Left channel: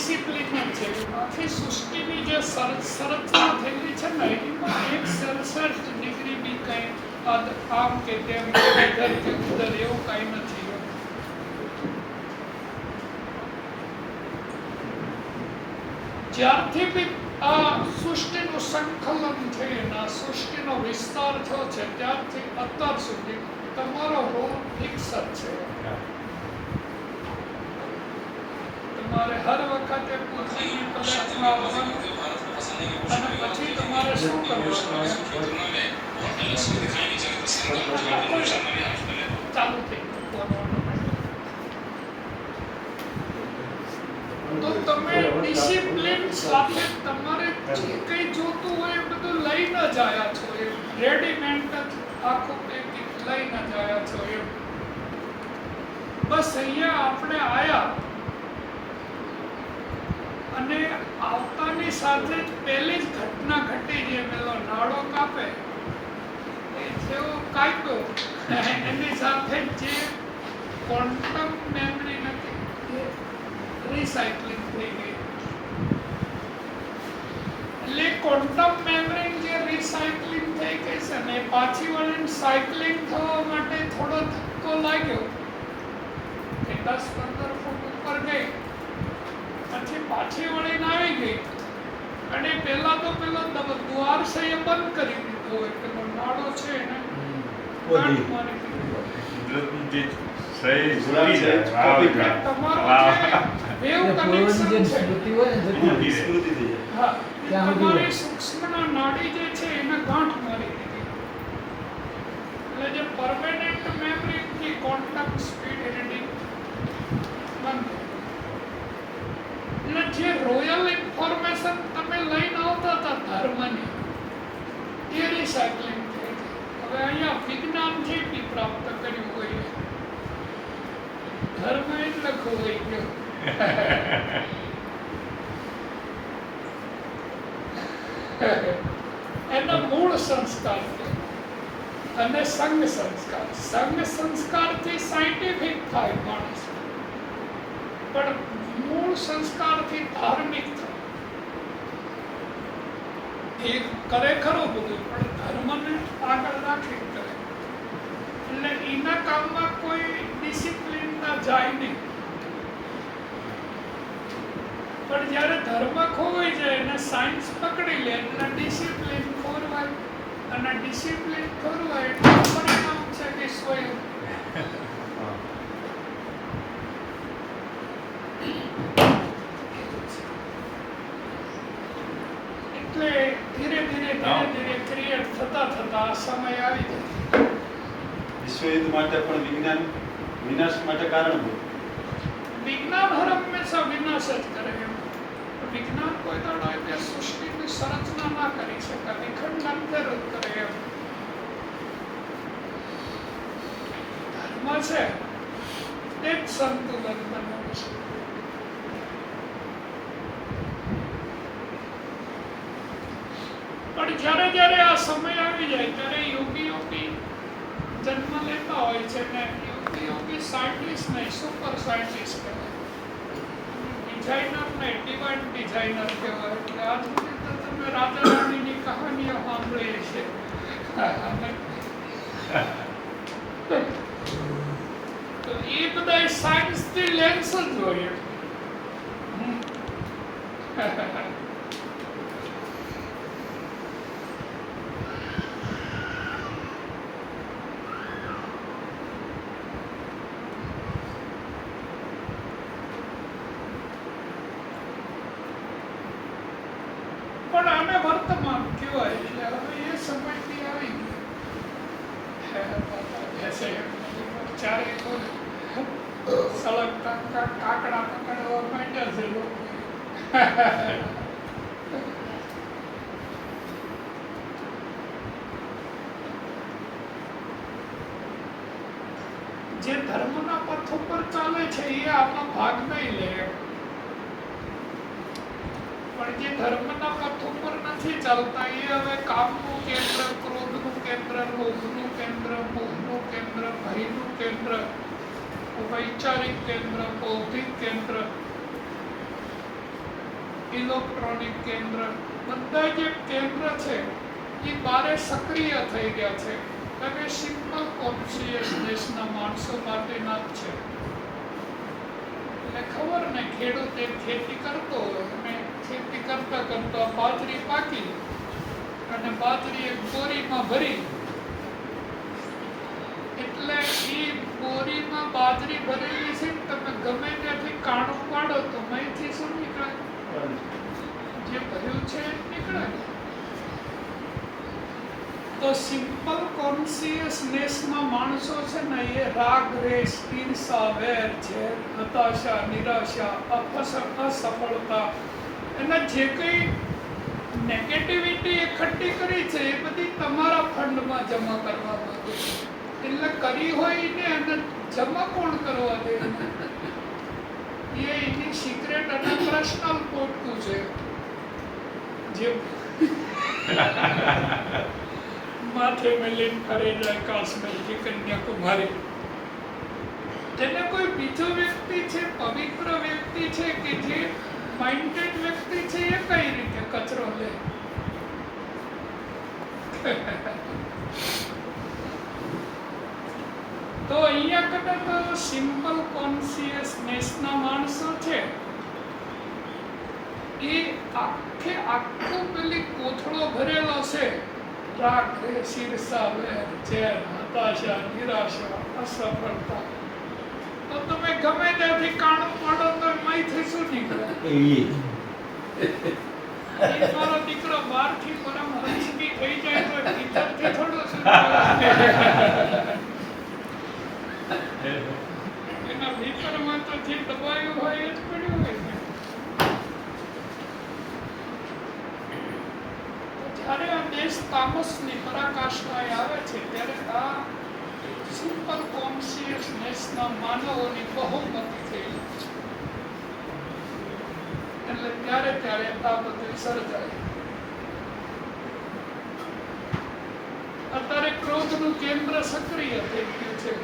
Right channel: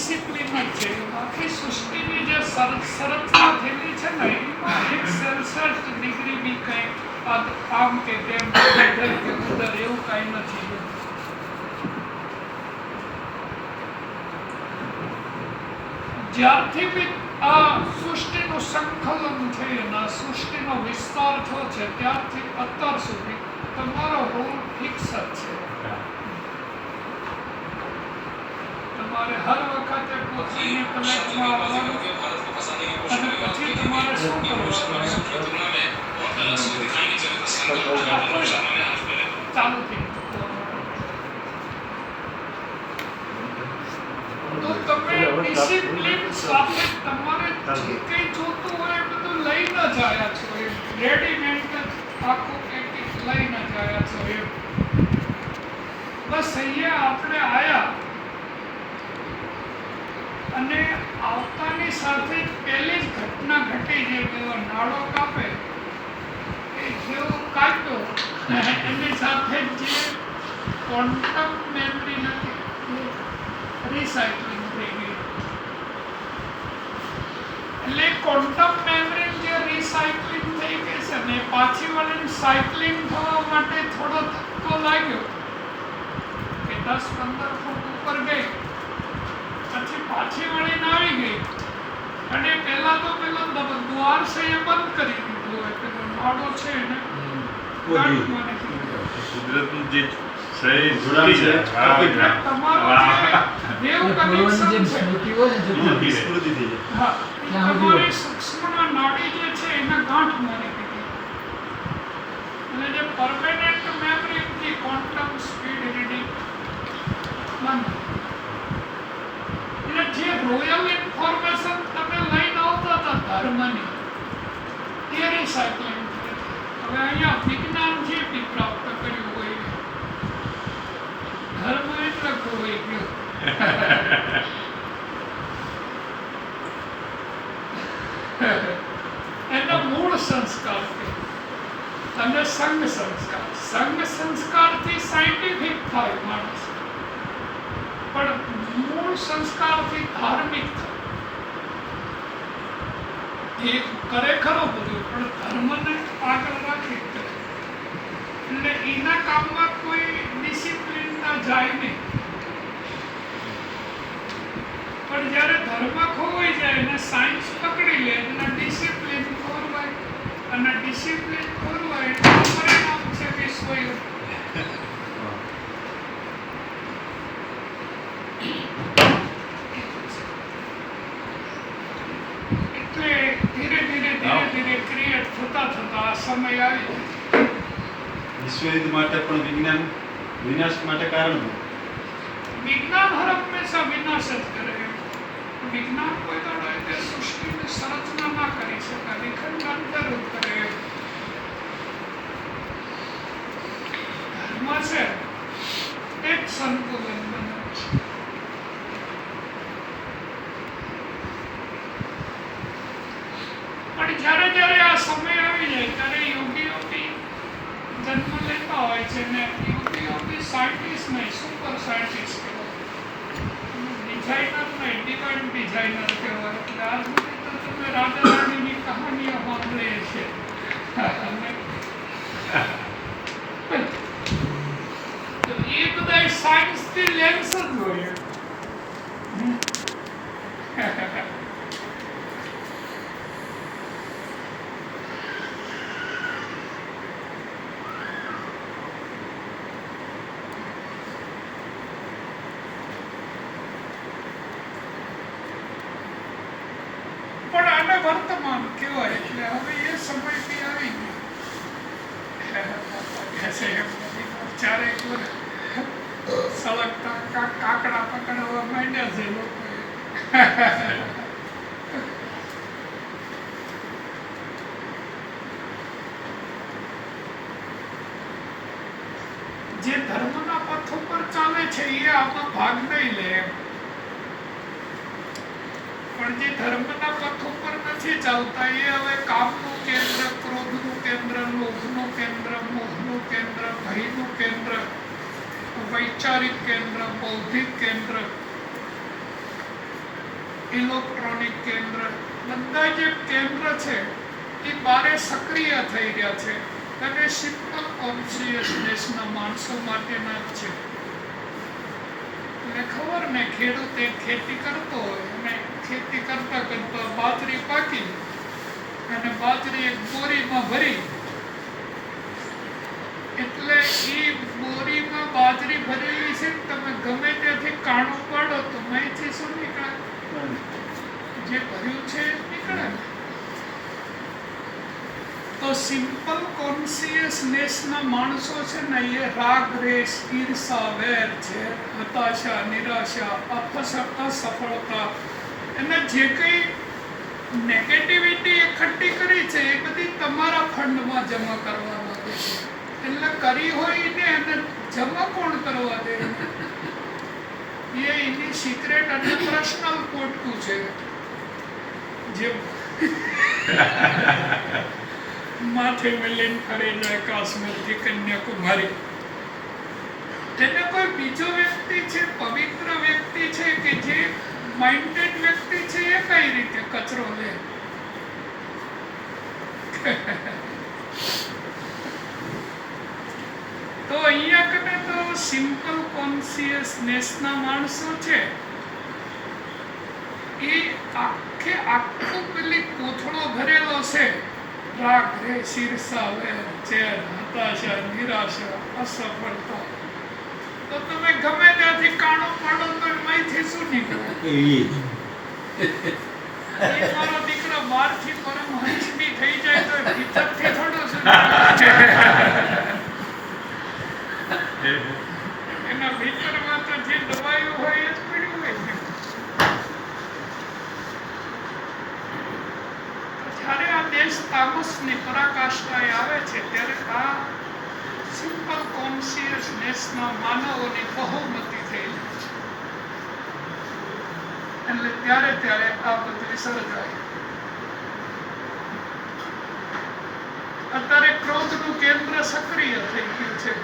Discipline છે. આખી સૃષ્ટિની જે ને જ્યારથી બી આ સૃષ્ટિનું સંકલન થયું આ સૃષ્ટિનો વિસ્તાર થયો છે, ત્યારથી અત્યાર સુધી તમારો રોલ ફિક્સ જ છે તો તમે સાથે તમારે જે જોતું હોય એ બધું લઈ જ આવ્યા છો. એ રેડીમેડ જ આખું કંઈક લઈ લઈને જ છો એમ. બસ અહીંયા આપણે આવ્યા અને આવતાની સાથે પહેલી જ ઘટના ઘટી જે પેલો નાળો કાપે, એ જેવો કાપ્યો. એની સાથે જ ક્વોન્ટમ મેમરી નથી, એ રિસાયકલિંગ થઈ ગઈ એટલે ક્વોન્ટમ મેમરી જે રિસાયકલિંગ થઈ ગઈ છે ને પાછી વળીને સાયકલિંગ થવા માટે થોડો ધક્કો લાગ્યો. કે દસ પંદર ફૂટ ઉપર ગઈ. પછી પાછી વળીને આવી ગઈ. અને પેલા તો પેલો દ્વાર છે એ બંધ કરી દીધો. એટલે નાડો છે કુદરતનું જે ને જે પરમેનન્ટ મેમરી હતી ક્વોન્ટમ સ્પીડ રીડિંગ બંધ. રોયલ ઇન્ફોર્મેશન તમે લઈને આવતા હતા ધર્મની. એ રિસાયકલિંગ હવે અહીંયા વિજ્ઞાન જે બી પ્રાપ્ત કર્યું હોય ધર્મ એટલે ખોવાઈ ગયો. એનો મૂળ સંસ્કાર છે. અને સંઘ સંસ્કાર. સંઘ સંસ્કારથી સાયન્ટિફિક થાય માણસ. પણ મૂળ સંસ્કારથી ધાર્મિક એ કરે ખરો બધું પણ ધર્મને આગળ રાખી એટલે એના કામમાં કોઈ ડિસિપ્લિન ના જાય નહીં પણ જ્યારે ધર્મ ખોવાઈ જાય અને સાયન્સ પકડી લે અને ડિસિપ્લિન ખોરવાય અને ડિસિપ્લિન ખોરવાય એટલે પરિણામ છે કે યુદ્ધ એટલે ધીરે ધીરે ધીરે ધીરે ક્રિએટ થતા થતા આ સમય આવી જાય. વિશ્વયુદ્ધ માટે પણ વિજ્ઞાન વિનાશ માટે કારણ હોય. વિજ્ઞાન હર હંમેશા વિનાશ જ કરે વિજ્ઞાન કોઈ દાડો એટલે સૃષ્ટિની સંરચના ના કરી શકાય જરૂર કરે ધર્મ છે એક સંતુલન બનાવે છે. પણ જ્યારે જ્યારે આ સમય આવી જાય, ત્યારે યોગી યોગી જન્મ લેતા હોય છે ને યોગી યોગી સાયન્ટિસ્ટ નહીં સુપર સાયન્ટિસ્ટ કહેવાય ડિઝાઇનર નહીં ડિવાઇન ડિઝાઇનર કહેવાય. એટલે આજ સુધી તો તમે રાધા રાણીની કહાનીઓ સાંભળી છે. તો એ બધા સાયન્સથી લેન્સ જ હોય. આને વર્તમાન કહેવાય એટલે હવે એ સમય બી આવી ગયો. ચારે કોર સળગતા જે ધર્મના પથ ઉપર ચાલે છે એ આપણો ભાગ નહીં લે. એમ પણ જે ધર્મના પથ ઉપર નથી ચાલતા, એ હવે કામનું કેન્દ્ર, ક્રોધનું કેન્દ્ર, લોભનું કેન્દ્ર, મોહનું કેન્દ્ર, ભયનું કેન્દ્ર, વૈચારિક કેન્દ્ર, બૌદ્ધિક કેન્દ્ર, ઇલેક્ટ્રોનિક કેન્દ્ર. બધા જે કેન્દ્ર છે, એ બારે સક્રિય થઈ રહ્યા છે. અને સિમ્પલ કોન્શિયસ દેશના માણસો માટેના જ છે. એટલે ખબર ને, ખેડૂત એ ખેતી કરતો હોય અને ખેતી કરતા કરતા બાજરી પાકી અને બાજરી એક બોરીમાં ભરી એટલે એ બોરીમાં બાજરી ભરેલી છે તમે ગમે ત્યાંથી કાણું પાડો તો અહીંથી શું નીકળે? જે ભર્યું છે નીકળે તો સિમ્પલ કોન્સિયસનેસના માણસો છે ને એ રાગ, રેસ, ઈર્ષા, વેર છે હતાશા, નિરાશા અસફળતા અને જે કંઈ નેગેટિવિટી એકઠી કરી છે, એ બધી તમારા ફંડમાં જમા કરવા માંગે છે. એટલે કરી હોય ને એને જમા કોણ કરવા દે? એ એની સિક્રેટ અને પર્સનલ પોટકું છે. જે માથે મેલીન ફરે જાય કે કન્યાકુમારી. તેને કોઈ બીજો વ્યક્તિ છે, પવિત્ર વ્યક્તિ છે, કે જે માઇન્ડેડ વ્યક્તિ છે એ કઈ રીતે કચરો લે? તો અહીંયા કદે તો સિમ્પલ કોન્સિયસનેસના માણસો છે. એ આખે આખો પેલી કોથળો ભરેલો છે. રાગ રે શીર્ષા વેર ચેર હતાશા, નિરાશા, અસફળતા. તો તમે ગમે ત્યાંથી કાણો પાડો તો એમાંથી શું નીકળે? એ મારો દીકરો બહારથી પરમહંસ બી થઈ જાય તો ભીતરથી થોડો એના ભીતરમાં તો જે દબાયું હોય એ જ પડ્યું હોય છે. જ્યારે આ દેશ તામસની પરાકાષ્ઠાએ આવે છે ત્યારે આ સિમ્પલ કોન્શિયસનેસના માનવોની બહુમતી થઈ એટલે ત્યારે ત્યારે આ બદલી સર્જાય અત્યારે ક્રોધનું કેન્દ્ર સક્રિય થઈ ગયું છે